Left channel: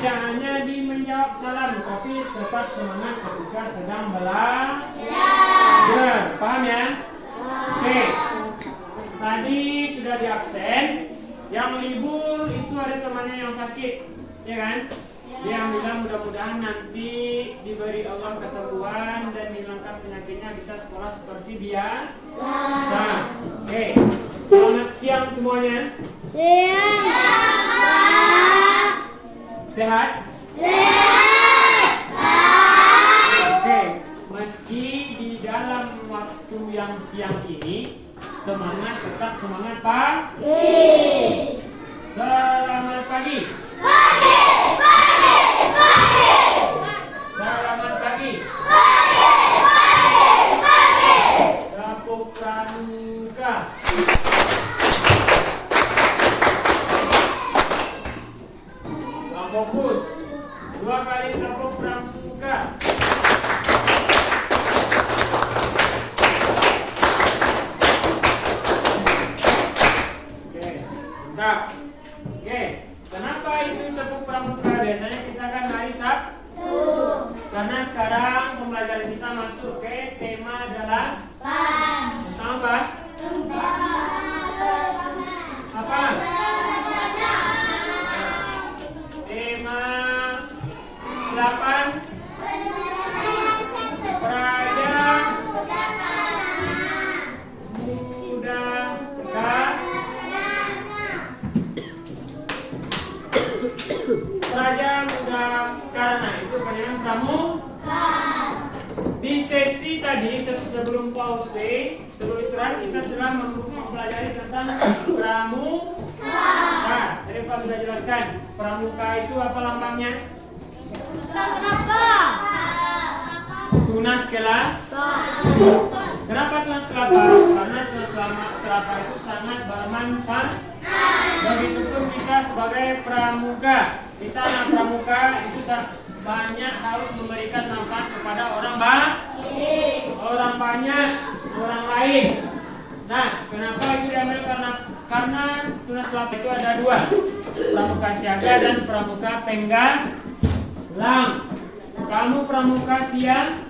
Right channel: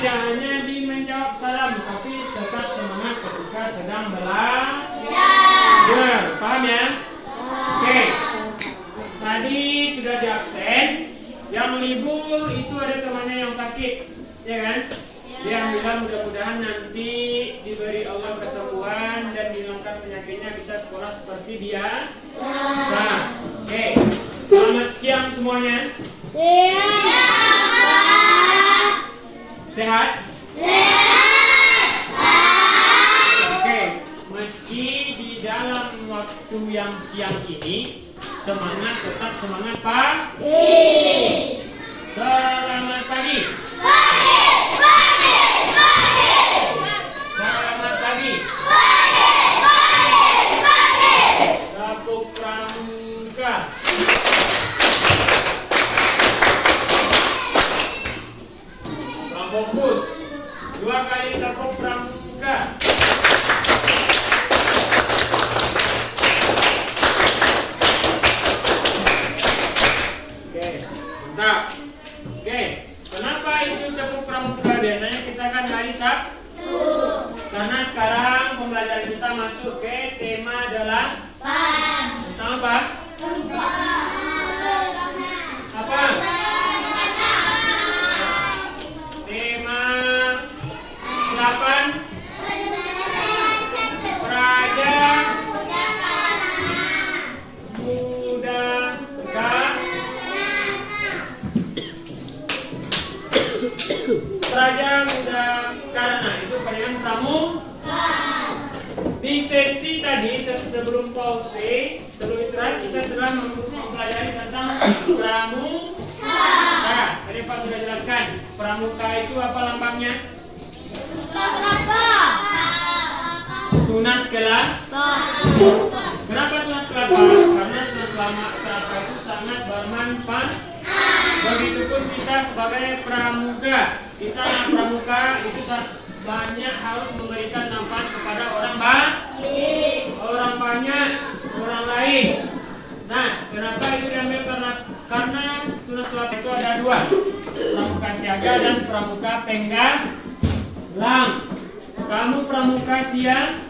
tidak hanya di menjawab salam, tapi tetap semangat ketika sedang belajar. Paham ya? Oke. Tadi sudah di absen. Yang libur itu ada temannya yang sakit, ya kan? Dia bilang mudah-mudahan nanti diberi Allah kesembuhan dan dihilangkan penyakitnya, bisa sekolah seperti dia. Oke. Selamat siang semuanya. Sehat? Oke, meski di dalam waktu yang siang ini semangat, tetap semangat Pak. Selamat pagi. Selamat pagi. Tepuk pramuka. Fokus. 2 kali tepuk pramuka. Oke, mantap. Oke, kenapa itu tepuk pramuka? Biasanya kita kan hari Sabtu. Karena sekarang pembelajaran kita masuk ke tema adalah apa? Apa? Tema 8 Praja Muda Praja Muda Karana, itu kalian pramuka. Di sesi tadi sebelum pause, sebelum istirahat, kita telah mempelajari tentang pramuka. Nah, tadi Pak sudah jelaskan, pramuka itu apa lambangnya? Tunas kelapa. Kenapa tunas kelapa? Karena tunas kelapa itu sangat bermanfaat. Begitupun kita sebagai pramuka. Kita pramuka itu banyak harus memberikan manfaat kepada orang banyak, orang lain. Nah, kenapa itu diambil? Karena tunas kelapa itu ada 2, pramuka siaga dan pramuka penggalang. Kamu pramuka siaga.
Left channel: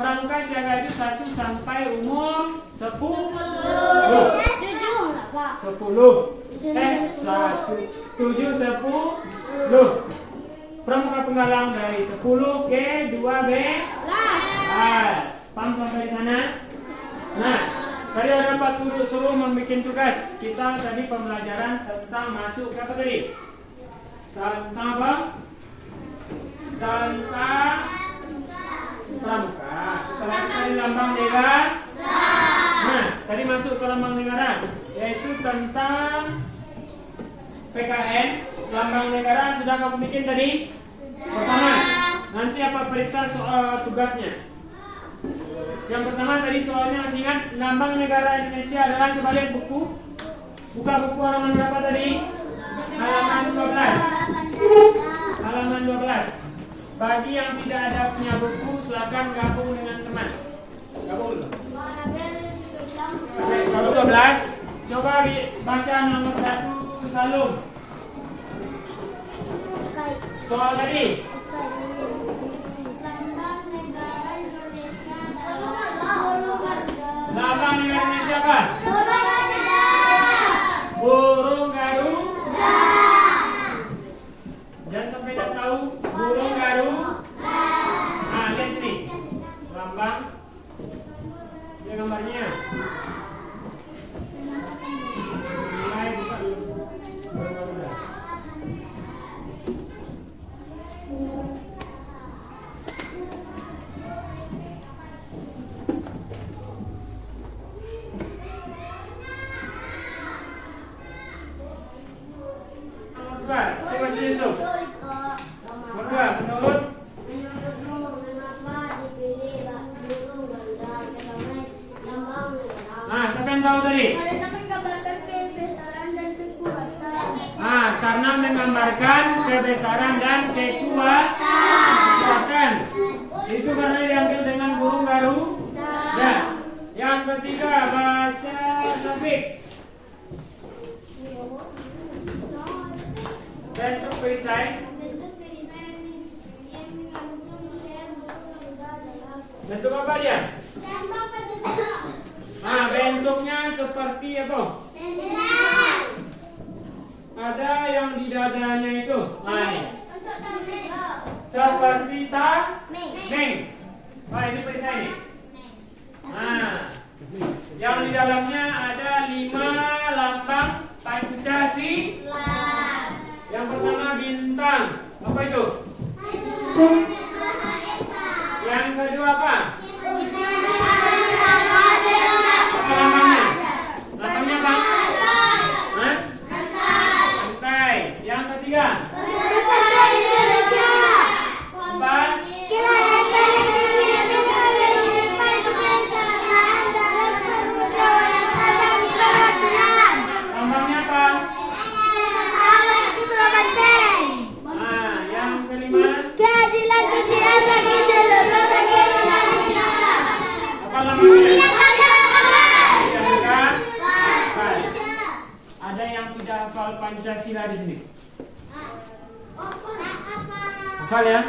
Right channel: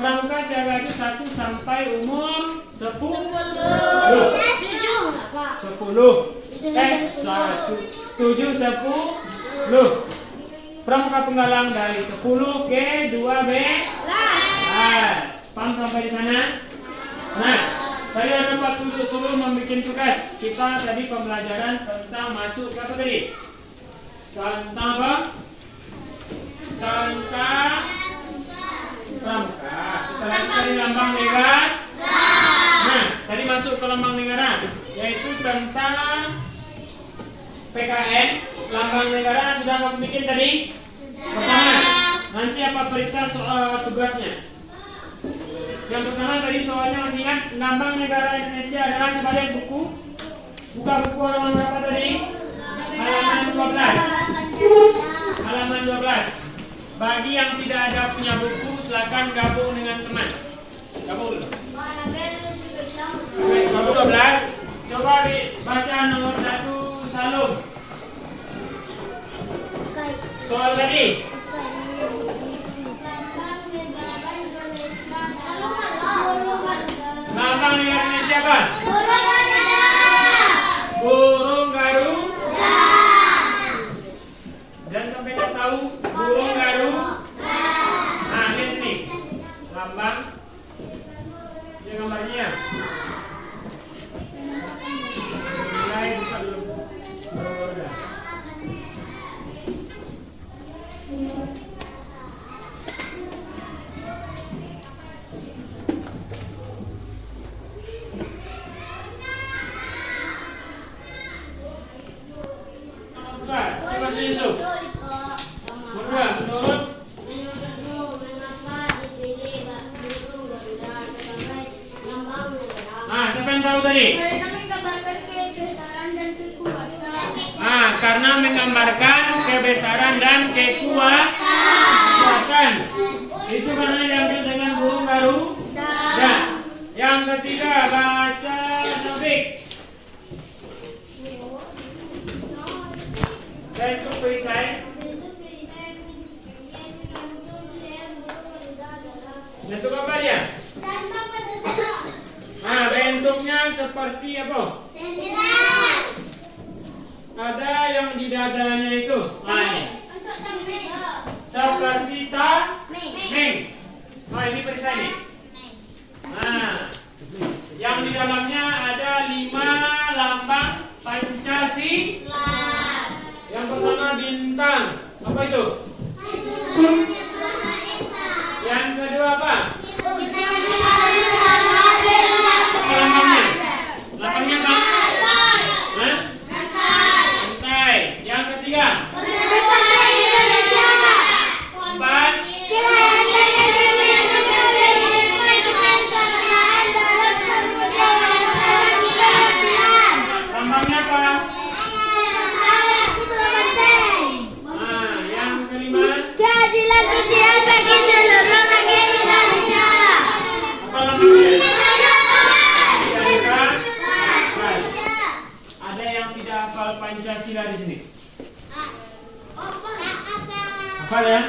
Pramuka siaga itu 1 sampai umur 10. 7, 10. Pramuka penggalang dari 10 ke 12. Paham sampai di sana? Nah, tadi ada Pak suruh membuat tugas. Kita tadi pembelajaran tentang masuk ke apa tadi? Tentang apa? Tentang pramuka. Setelah itu tadi lambang negara. Nah, tadi masuk ke lambang negara, yaitu tentang PKN. Lambang negara sudah kamu bikin tadi? Pertama. Nanti apa periksa soal tugasnya? Yang pertama tadi soalnya masih ingat, lambang negara Indonesia adalah, coba lihat buku. Buka buku halaman berapa tadi? Halaman 12. Halaman 12. Bagi yang tidak ada punya buku, silakan gabung dengan teman. Gabung dulu. Halaman 12. Coba baca nomor 1 Salum. Soal tadi. Lambang negara Indonesia apa? Burung garuda. Dan sampai tak tahu burung garuda. Nah, lihat sini. Lambang. Ini gambarnya. Mulai buka dulu. Garuda. Coba Yusuf. Menurut siapa yang tahu tadi? Karena menggambarkan kebesaran dan kekuatan. Itu karena diambil dengan burung garuda. Yang ketiga, baca topik. Bentuk perisai. Bentuk apa dia? Nah, bentuknya seperti apa? Ada yang di dadanya itu. Nah, ini. Seperti tameng. Oh, ini periksa ini. Nah, yang di dalamnya ada 5 lambang Pancasila. Yang pertama bintang. Apa itu? Yang kedua apa? Apa lambangnya? Lambangnya apa? Hah? Pantai. Yang ketiga? Empat. Lambangnya apa? Nah, yang kelima? Apa lambangnya? Ada yang tidak hafal Pancasila di sini? Hafal ya?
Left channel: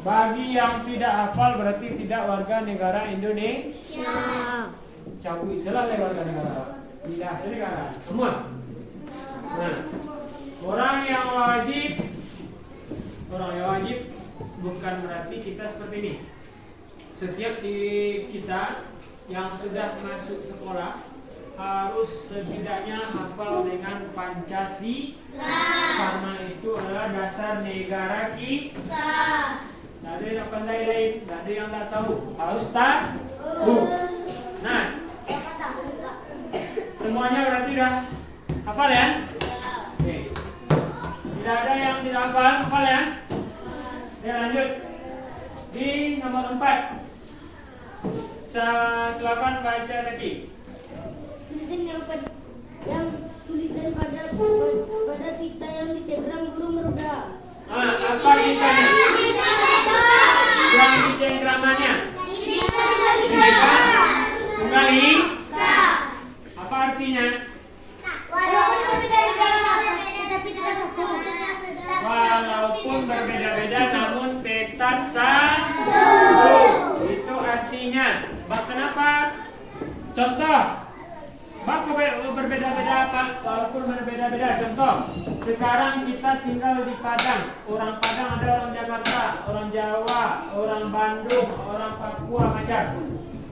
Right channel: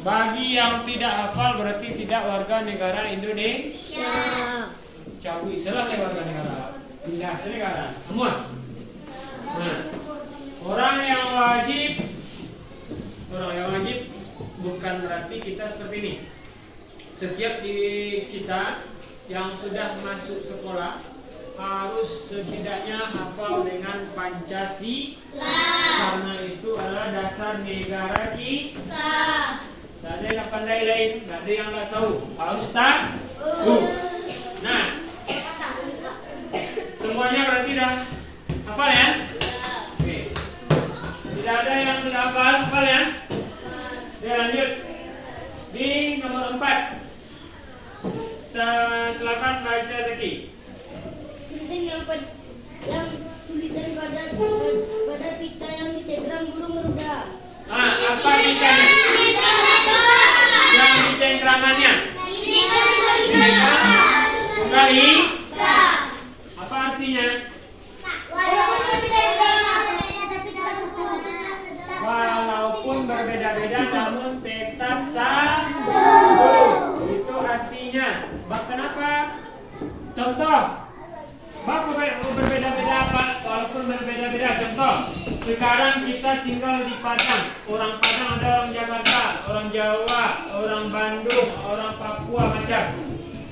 Bagi yang tidak hafal berarti tidak warga negara Indonesia. Cawi salah warga negara. Tidak negara. Semua. Nah, orang yang wajib bukan berarti kita seperti ini. Setiap di kita yang sudah masuk sekolah harus setidaknya hafal dengan Pancasila, karena itu adalah dasar negara kita. Tidak ada yang pandai lain, tidak ada yang tidak tahu, harus tahu. Nah, semuanya berarti sudah hafal ya? Oke. Tidak ada yang tidak hafal ya? Ya, lanjut di nomor 4. Silakan baca lagi. Tulisan pada pita yang dicengkram burung meruda. Apa pitanya? Yang dicengkramannya? Tunggal ika. Apa artinya? Walaupun berbeda-beda namun tekad satu. Itu artinya. Kenapa? Contoh. Baku berbeda-beda apa? Walaupun berbeda-beda. Contoh, sekarang kita tinggal di Padang. Orang Padang ada orang Jakarta, orang Jawa, orang Bandung, orang Papua macam.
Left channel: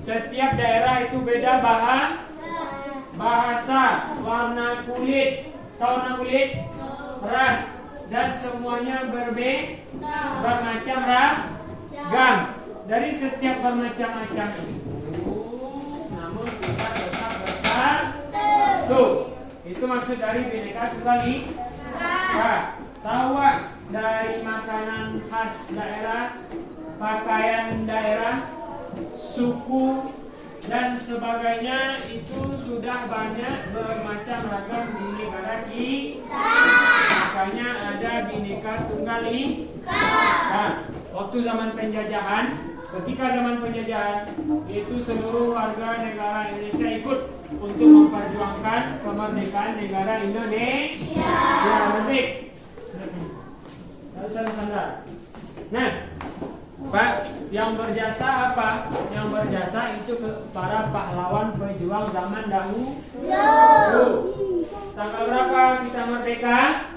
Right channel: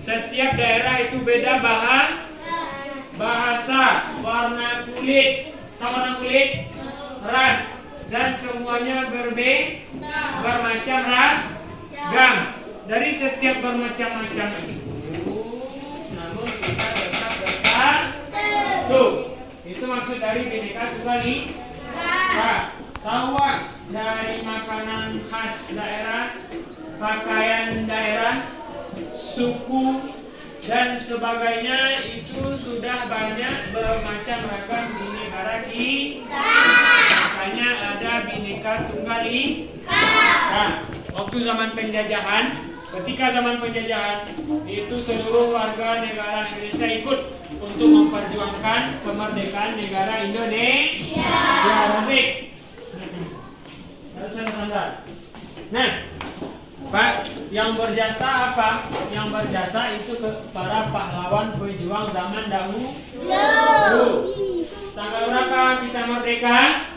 Setiap daerah itu beda bahasa, warna kulit, tahu warna kulit, ras, dan semuanya bermacam ragam. Dari setiap bermacam-macam itu, namun kita tetap bersatu. Itu maksud dari Bhinneka Tunggal Ika. Tahu dari makanan khas daerah, pakaian daerah, suku dan sebagainya itu sudah banyak bermacam ragam di negara kita. Makanya ada Bhinneka Tunggal Ika. Nah, waktu zaman penjajahan, ketika zaman penjajahan itu seluruh warga negara Indonesia ikut untuk memperjuangkan kemerdekaan negara Indonesia. Ya, baik. Harus ada sandar. Nah, Pak, yang berjasa apa? Yang berjasa itu para pahlawan pejuang zaman dahulu. Tanggal berapa kita merdeka?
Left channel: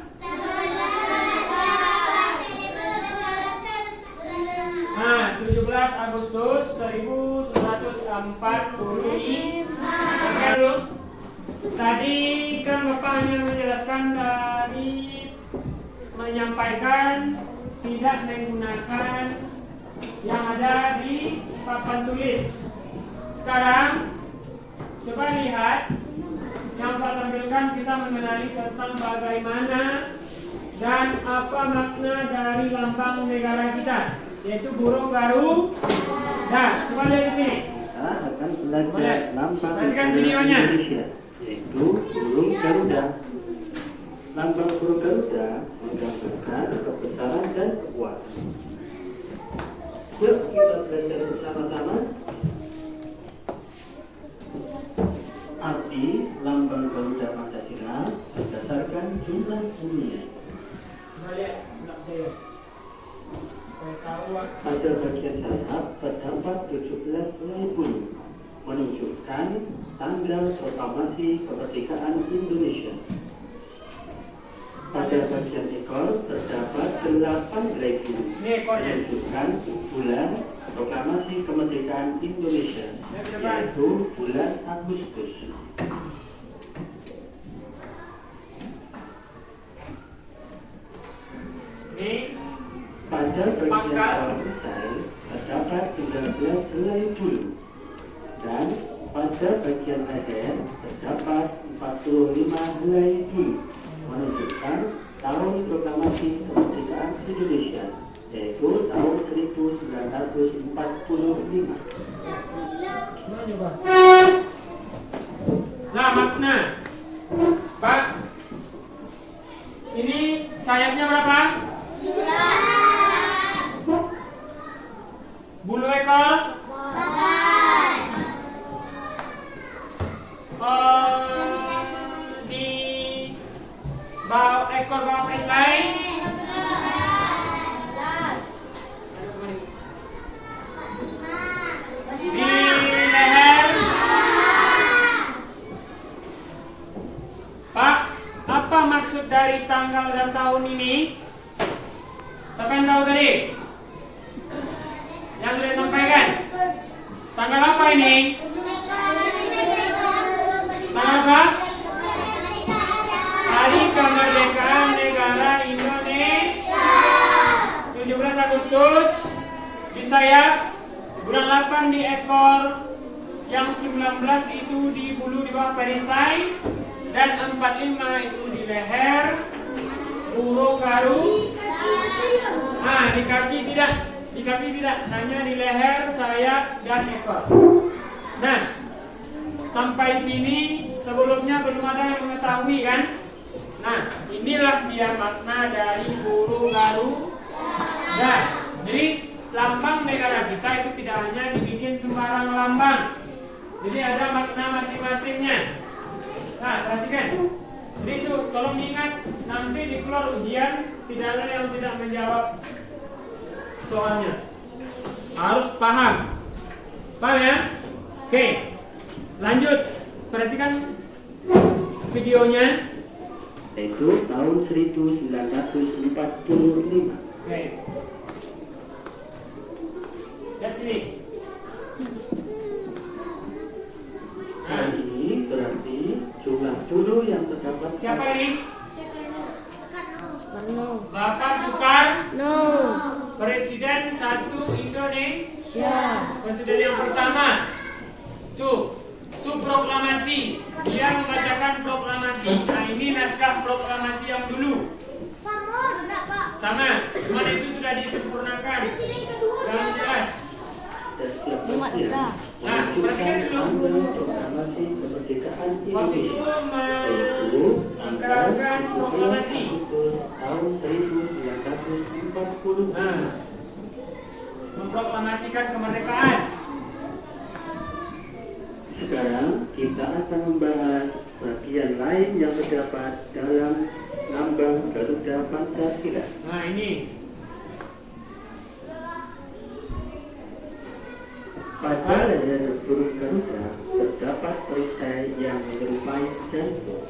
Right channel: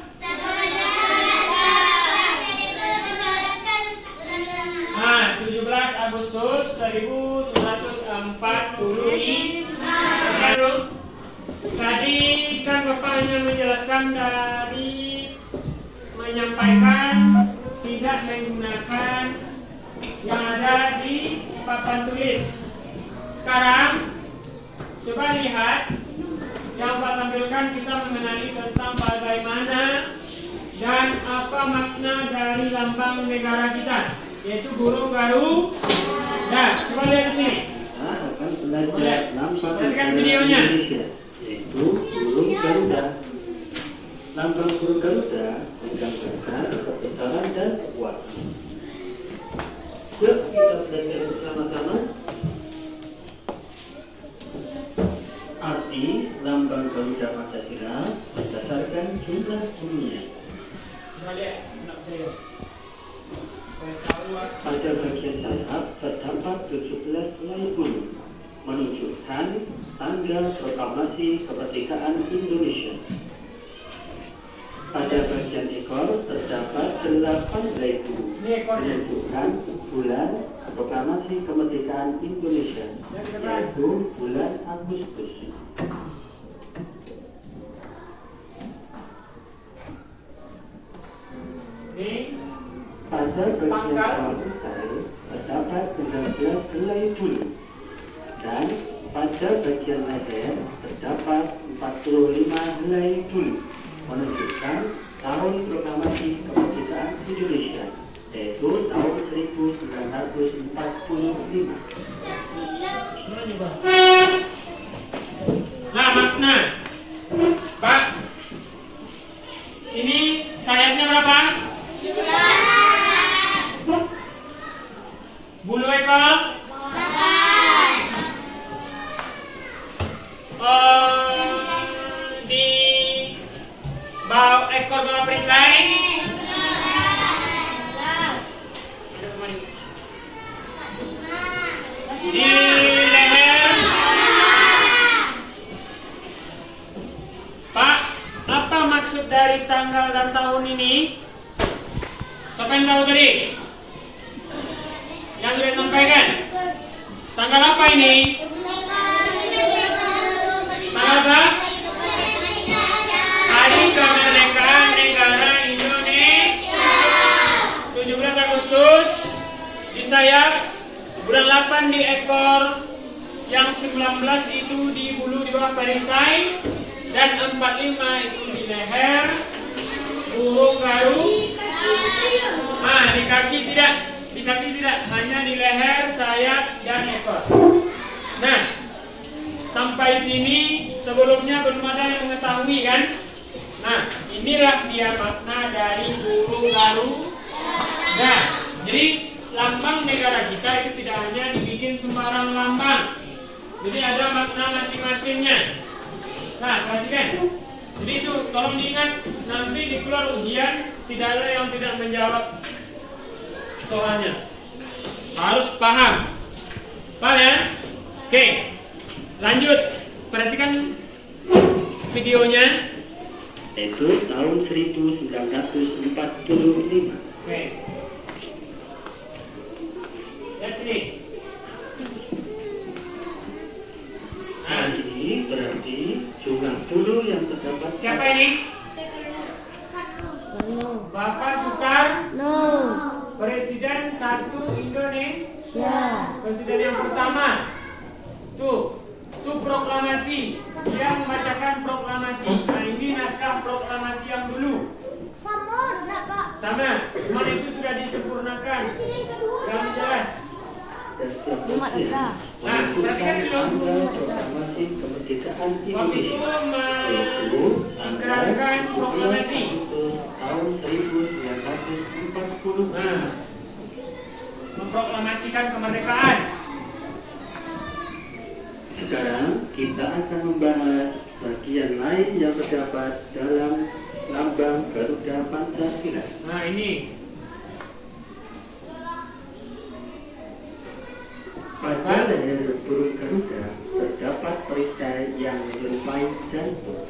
Nah, 17 Agustus 1945. Tadi kan Bapak hanya menjelaskan dari menyampaikan tidak menggunakan yang ada di papan tulis. Sekarang coba lihat yang Pak tampilkan, kita mengenali tentang bagaimana dan apa makna dari lambang negara kita, yaitu burung Garuda. Coba lihat di sini. Akan belajar lambang videonya. Indonesia, yaitu burung Garuda. Lambang burung Garuda menggambarkan kebesaran dan kekuatan. Yuk kita belajar bersama-sama. Arti lambang Garuda Pancasila berdasarkan jumlah dunia. Coba lihat, saya. Pada bagian sayap tanggal proklamasi kemerdekaan Indonesia. Pada bagian ekor terdapat 8 regu menunjukkan bulan proklamasi kemerdekaan Indonesia, yaitu bulan Agustus. Pada bagian bawah perisai terdapat 19 helai bulu, dan pada bagian leher terdapat 45 helai bulu, menunjukkan tahun proklamasi kemerdekaan Indonesia, yaitu tahun 1945. Nah, makna Pak, ini sayapnya berapa? Bulu ekor? Di ekor bawah perisai? Di leher? Pak, apa maksud dari tanggal dan tahun ini? Siapa yang tahu tadi? Yang sudah sampaikan? Tanggal apa ini? Tanggal apa? Hari Kemerdekaan Negara Indonesia. 17 Agustus di sayap, bulan 8 di ekor, yang 19 itu di bulu di bawah perisai, dan 45 itu di leher, burung garu. Di kaki tidak, hanya di leher, sayap, dan ekor. Nah, sampai sini sebelumnya belum ada yang mengetahui kan? Nah, inilah dia makna dari burung garu. Nah, jadi lambang negara kita itu tidak hanya dibikin sembarang lambang, jadi ada makna masing-masingnya. Nah, perhatikan. Jadi itu tolong diingat, nanti di keluar ujian tidak ada yang tidak menjawab soalnya. Harus paham. Paham ya? Oke. Lanjut. Perhatikan videonya. Itu tahun 1945. Oke. Lihat sini. Hal ini berarti jumlah bulu yang terdapat. Siapa ini? Bapak Soekarno. Presiden 1 Indonesia. Presiden yang pertama. Tuh proklamasi. Dia membacakan proklamasi. Nah, ini naskah proklamasi yang dulu. Sama. Cuman itu sudah disempurnakan. Yang jelas. Nah, perhatikan dulu. Proklamasi kemerdekaan Waktu itu mengikrarkan proklamasi. Tahun 1940. Nah, memproklamasikan kemerdekaan. Sekarang kita akan membahas bagian lain yang terdapat dalam lambang Garuda Pancasila. Nah, ini pada leher burung Garuda terdapat perisai yang menyerupai jantung.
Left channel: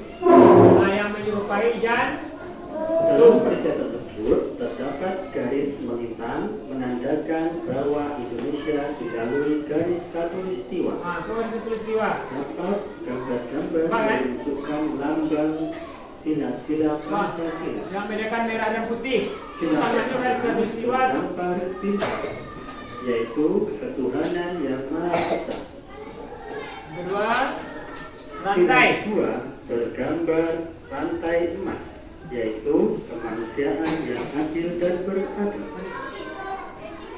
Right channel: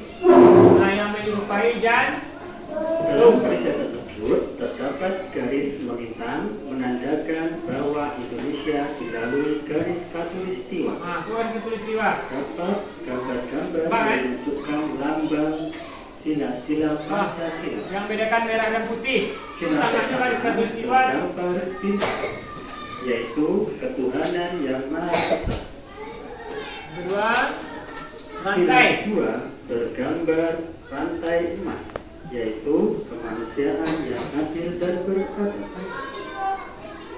nah yang menyerupai Dalam perisai tersebut terdapat garis menghitam menandakan bahwa Indonesia dilalui garis khatulistiwa. Nah, itu kan khatulistiwa. Dapat gambar-gambar menunjukkan lambang sila-sila Pancasila. Yang bedakan merah dan putih. Sila Tangannya garis khatulistiwa. gambar bintang, yaitu ketuhanan yang maha esa. Kedua, Sila rantai. kedua bergambar rantai emas, yaitu kemanusiaan yang adil dan beradab.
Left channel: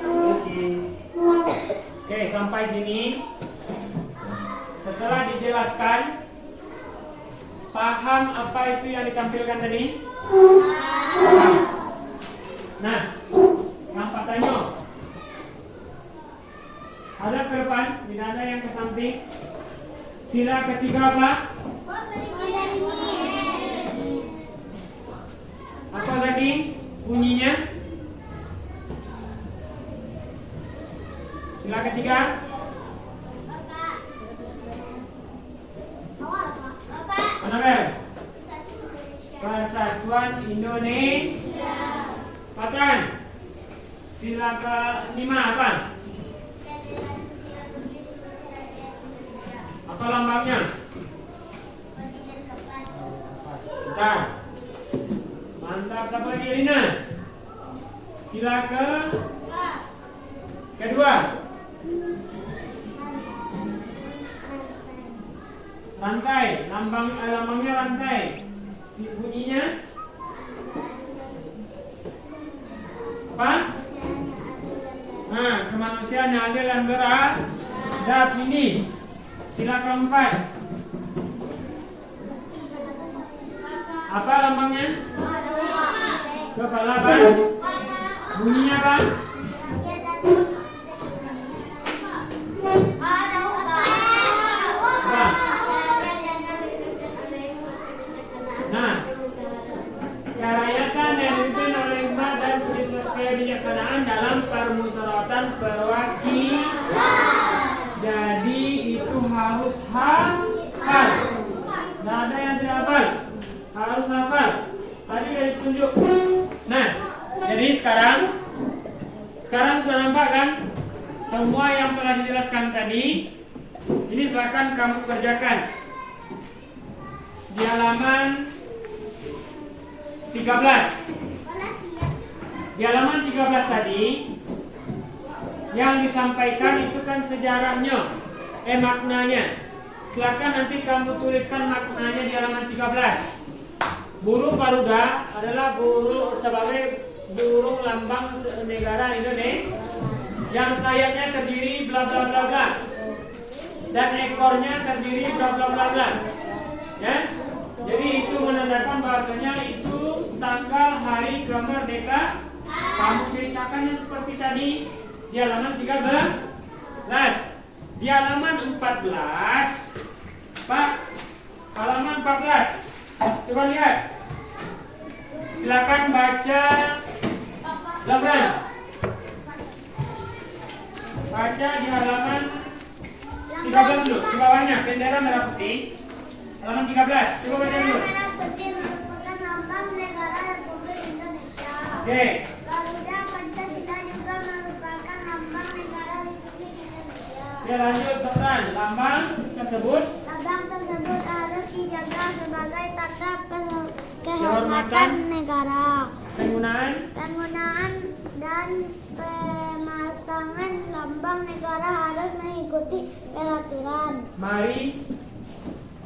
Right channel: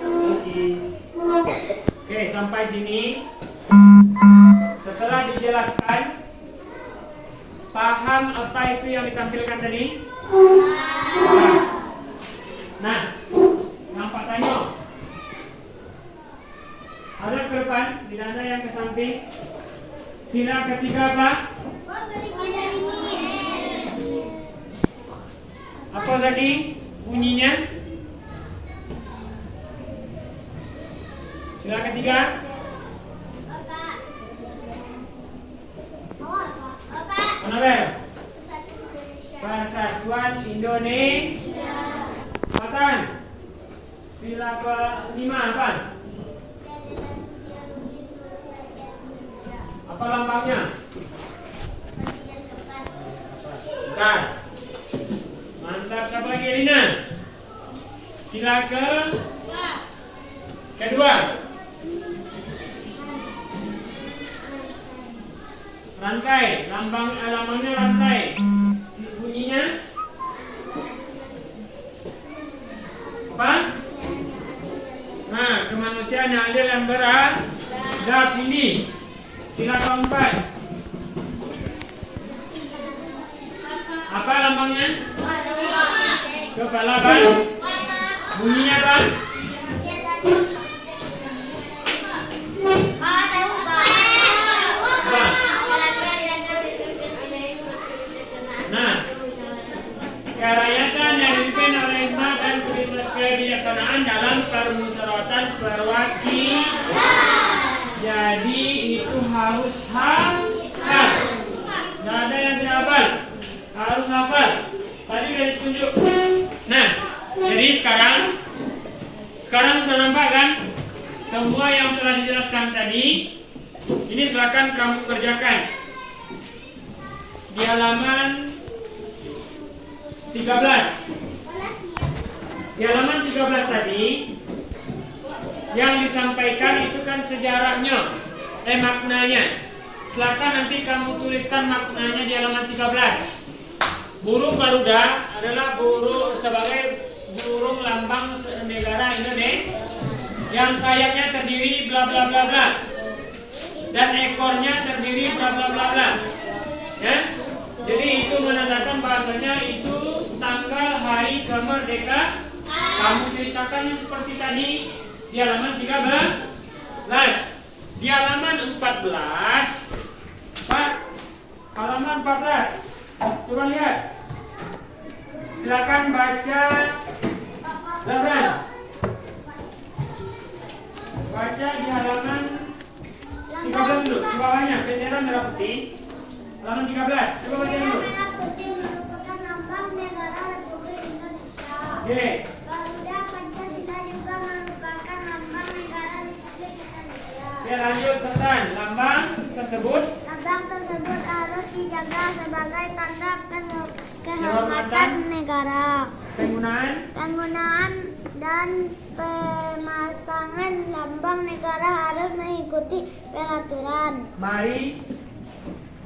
Lagi. Oke, sampai sini. Setelah dijelaskan, paham apa itu yang ditampilkan tadi? Nah, nampak tanya. Ada ke depan, tidak ada yang ke samping. Sila ketiga apa? Apa tadi bunyinya? Sila ketiga. Sila ke-5 apa? Apa lambangnya? Bentar. Mantap, siapa lagi Elina? Sila kedua. Rantai, lambangnya rantai. Bunyinya apa? Nah, kemanusiaan yang adil yang beradab ini. Sila keempat. Apa lambangnya? Kepala kan? Bunyinya kan? Nah, kerakyatan yang dipimpin oleh hikmah dan kebijaksanaan dalam permusyawaratan perwakilan. Jadi itu harus hafal. Tidak ada yang tidak hafal. Harus hafal. Tadi sudah ditunjuk. Nah, jadi sekarang sudah nampak kan? Semua yang telah dijelaskan tadi. Ini silakan kamu kerjakan di halaman 13. Di halaman 13 tadi yang disampaikan itu kan sejarahnya, maknanya. Silakan nanti kamu tuliskan maknanya di halaman 13. Burung Garuda adalah burung sebagai burung lambang negara Indonesia yang sayapnya terdiri bla bla bla bla dan ekornya terdiri bla bla bla bla. Ya? Jadi itu menandakan bahasanya itu tanggal hari kemerdekaan. Kamu ceritakan yang seperti tadi di halaman 13. Di halaman 14, Pak, halaman 14. Coba lihat. Silakan baca Zabran. Baca di halaman 13 dulu. Di bawahnya bendera merah putih. Halaman 13. Coba baca dulu. Merah putih merupakan lambang negara Republik Indonesia. Oke. Garuda Pancasila juga merupakan lambang negara Republik Indonesia. Oke, lanjut Zabran. Lambang tersebut harus dijaga sebagai tanda kehormatan negara. Penggunaan dan pemasangan lambang negara harus mengikuti peraturan.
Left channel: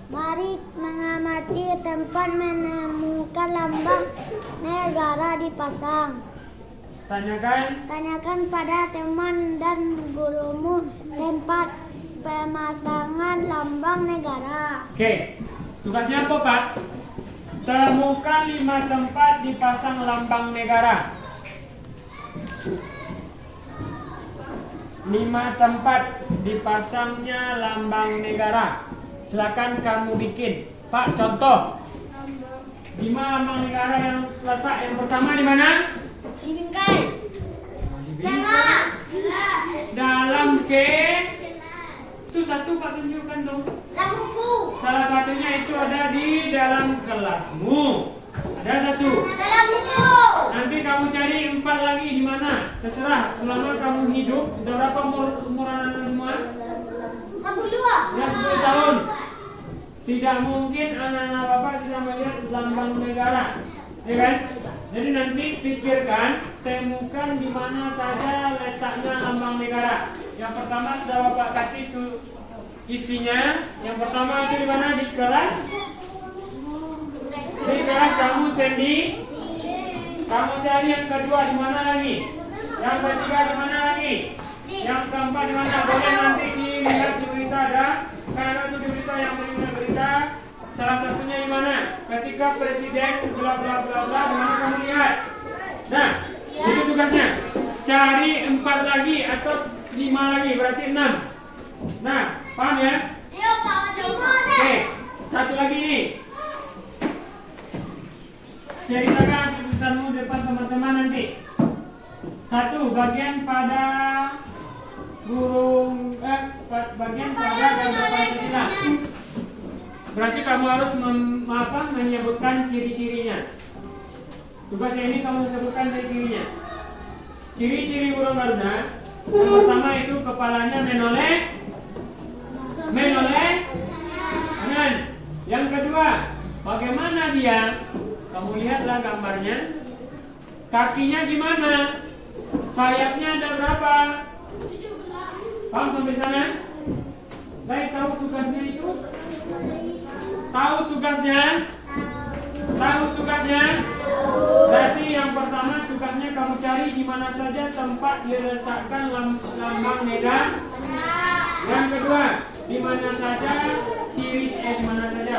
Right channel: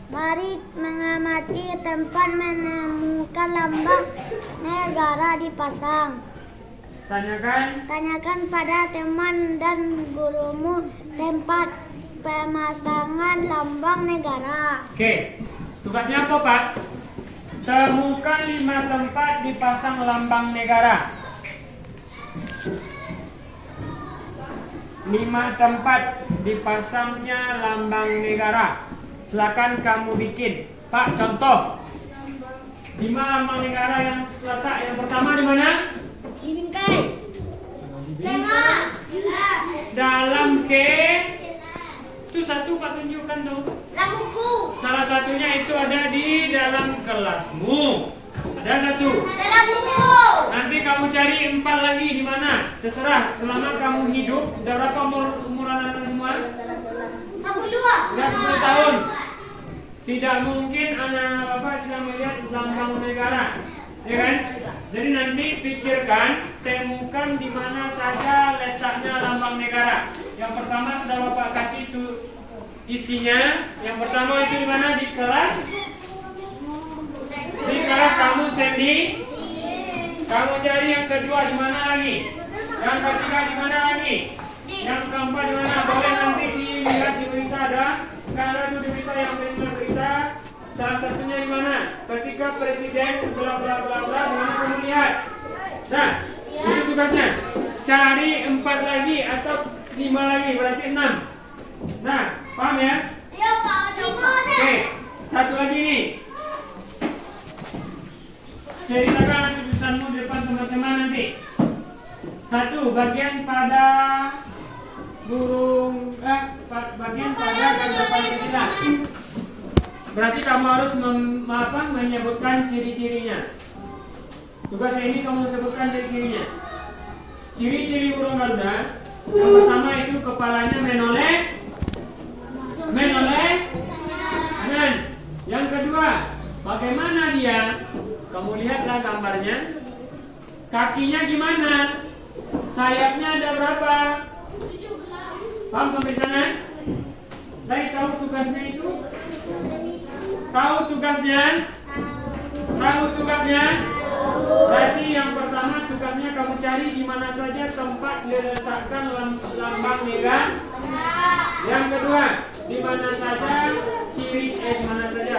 Mari mengamati tempat menemukan lambang negara dipasang. Tanyakan pada teman dan gurumu tempat pemasangan lambang negara. Oke, tugasnya apa Pak? Temukan 5 tempat dipasang lambang negara. 5 tempat dipasangnya lambang negara. Silakan kamu bikin. Pak, contoh. 5 lambang negara yang letak yang pertama di mana? Di bingkai. Dalam itu satu Pak tunjukkan tuh. Dalam buku. Salah satunya itu ada di dalam kelasmu. Ada satu. Dalam buku. Nanti kamu cari 4 lagi di mana? Terserah. Selama kamu hidup, udah berapa umuran anda semua? 12. Sudah 10 tahun. Tidak mungkin anak-anak bapak tidak melihat lambang negara, ya kan? Jadi nanti pikirkan, temukan di mana saja letaknya lambang negara. Yang pertama sudah bapak kasih itu isinya. Yang pertama itu di mana? Di kelas. Di kelas kamu sendiri. Kamu cari yang kedua di mana lagi? Yang ketiga di mana lagi? Yang keempat di mana? Boleh nanti dilihat di berita ada. Kalau itu di berita yang sering berita, salah satunya di mana? Ketika presiden bla bla bla bla, di mana kamu lihat? Nah, itu tugasnya. Cari 4 lagi atau 5 lagi, berarti 6. Nah, paham ya? Iya Pak. Oke, satu lagi nih. Ceritakan tulisanmu di depan teman-teman nanti. 1. Bagian pada bagian pada Garuda Pancasila. Berarti kamu harus menyebutkan ciri-cirinya. Tugasnya ini kamu sebutkan ciri-cirinya. Ciri-ciri burung Garuda. Yang pertama itu kepalanya menoleh. Kanan. Yang kedua, bagaimana dia? Kamu lihatlah gambarnya. Kakinya gimana? Sayapnya ada berapa? Paham sampai sana? Baik, tahu tugasnya itu? Tahu tugasnya? Berarti yang pertama tugasnya kamu cari di mana saja tempat diletakkan lambang negara. Yang kedua, di mana saja di mana saja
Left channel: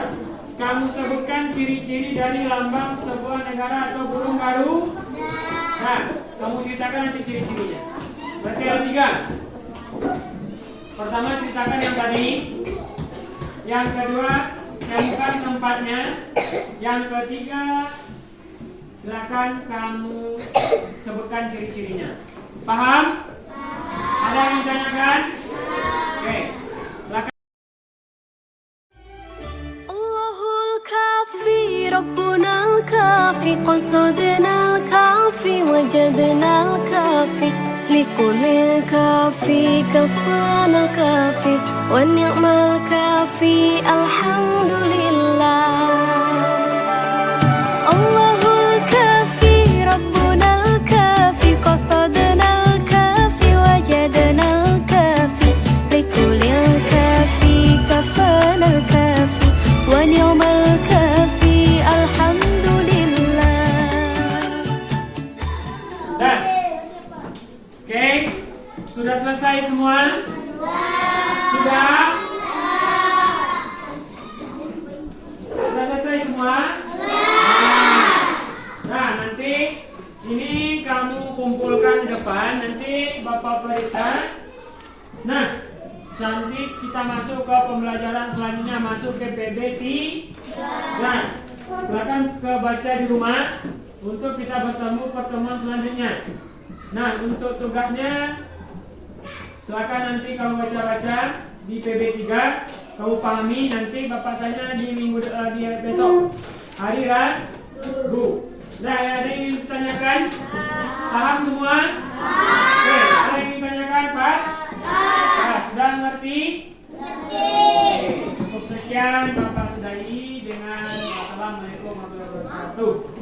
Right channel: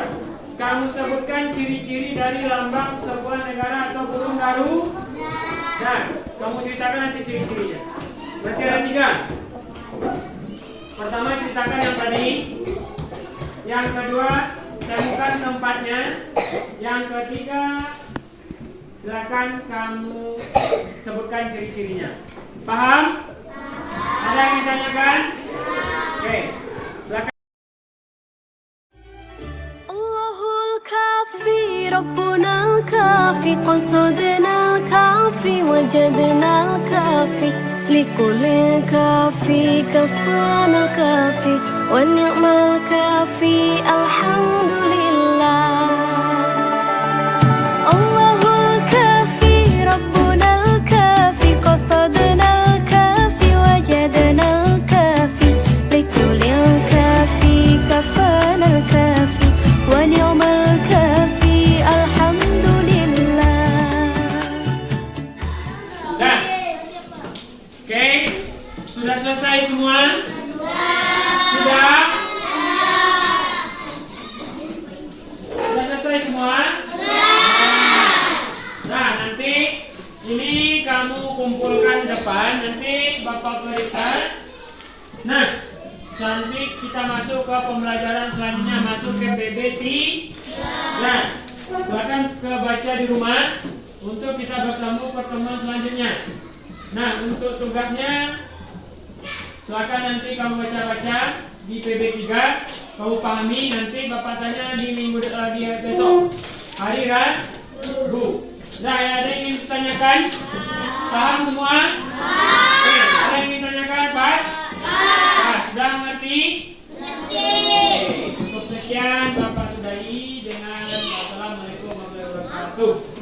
kamu sebutkan ciri-ciri dari lambang sebuah negara atau burung garuda. Nah, kamu ceritakan nanti ciri-cirinya. Berarti ada 3. Pertama ceritakan yang tadi. Yang kedua, temukan tempatnya. Yang ketiga, silakan kamu sebutkan ciri-cirinya. Paham? Ada yang ditanyakan? Oke, silakan. Allahul kafi, Rabbunal kafi, qasadnal kafi, wajadnal kafi, likulil kafi, kafanal kafi, wa ni'mal kafi, alhamdulillah. Allahul kafi, Rabbunal kafi, qasadnal kafi, wajadnal kafi, likulil kafi, kafanal kafi, wa ni'mal kafi, alhamdulillah. Dah. Oke, sudah selesai semua? Sudah? Sudah selesai semua? Nah, nanti ini kamu kumpulkan di depan, nanti Bapak periksa. Nah, nanti kita masuk ke pembelajaran selanjutnya, masuk ke PBT. Nah, silakan kebaca di rumah untuk kita bertemu pertemuan selanjutnya. Nah, untuk tugasnya silakan nanti kamu baca-baca di PB3, kamu pahami, nanti Bapak tanya di minggu di besok hari Rabu. Nah, ada yang ingin ditanyakan? Paham semua? Oke, ada yang ingin ditanyakan? Pas? Sudah mengerti? Cukup sekian Bapak sudahi dengan Assalamualaikum warahmatullahi wabarakatuh.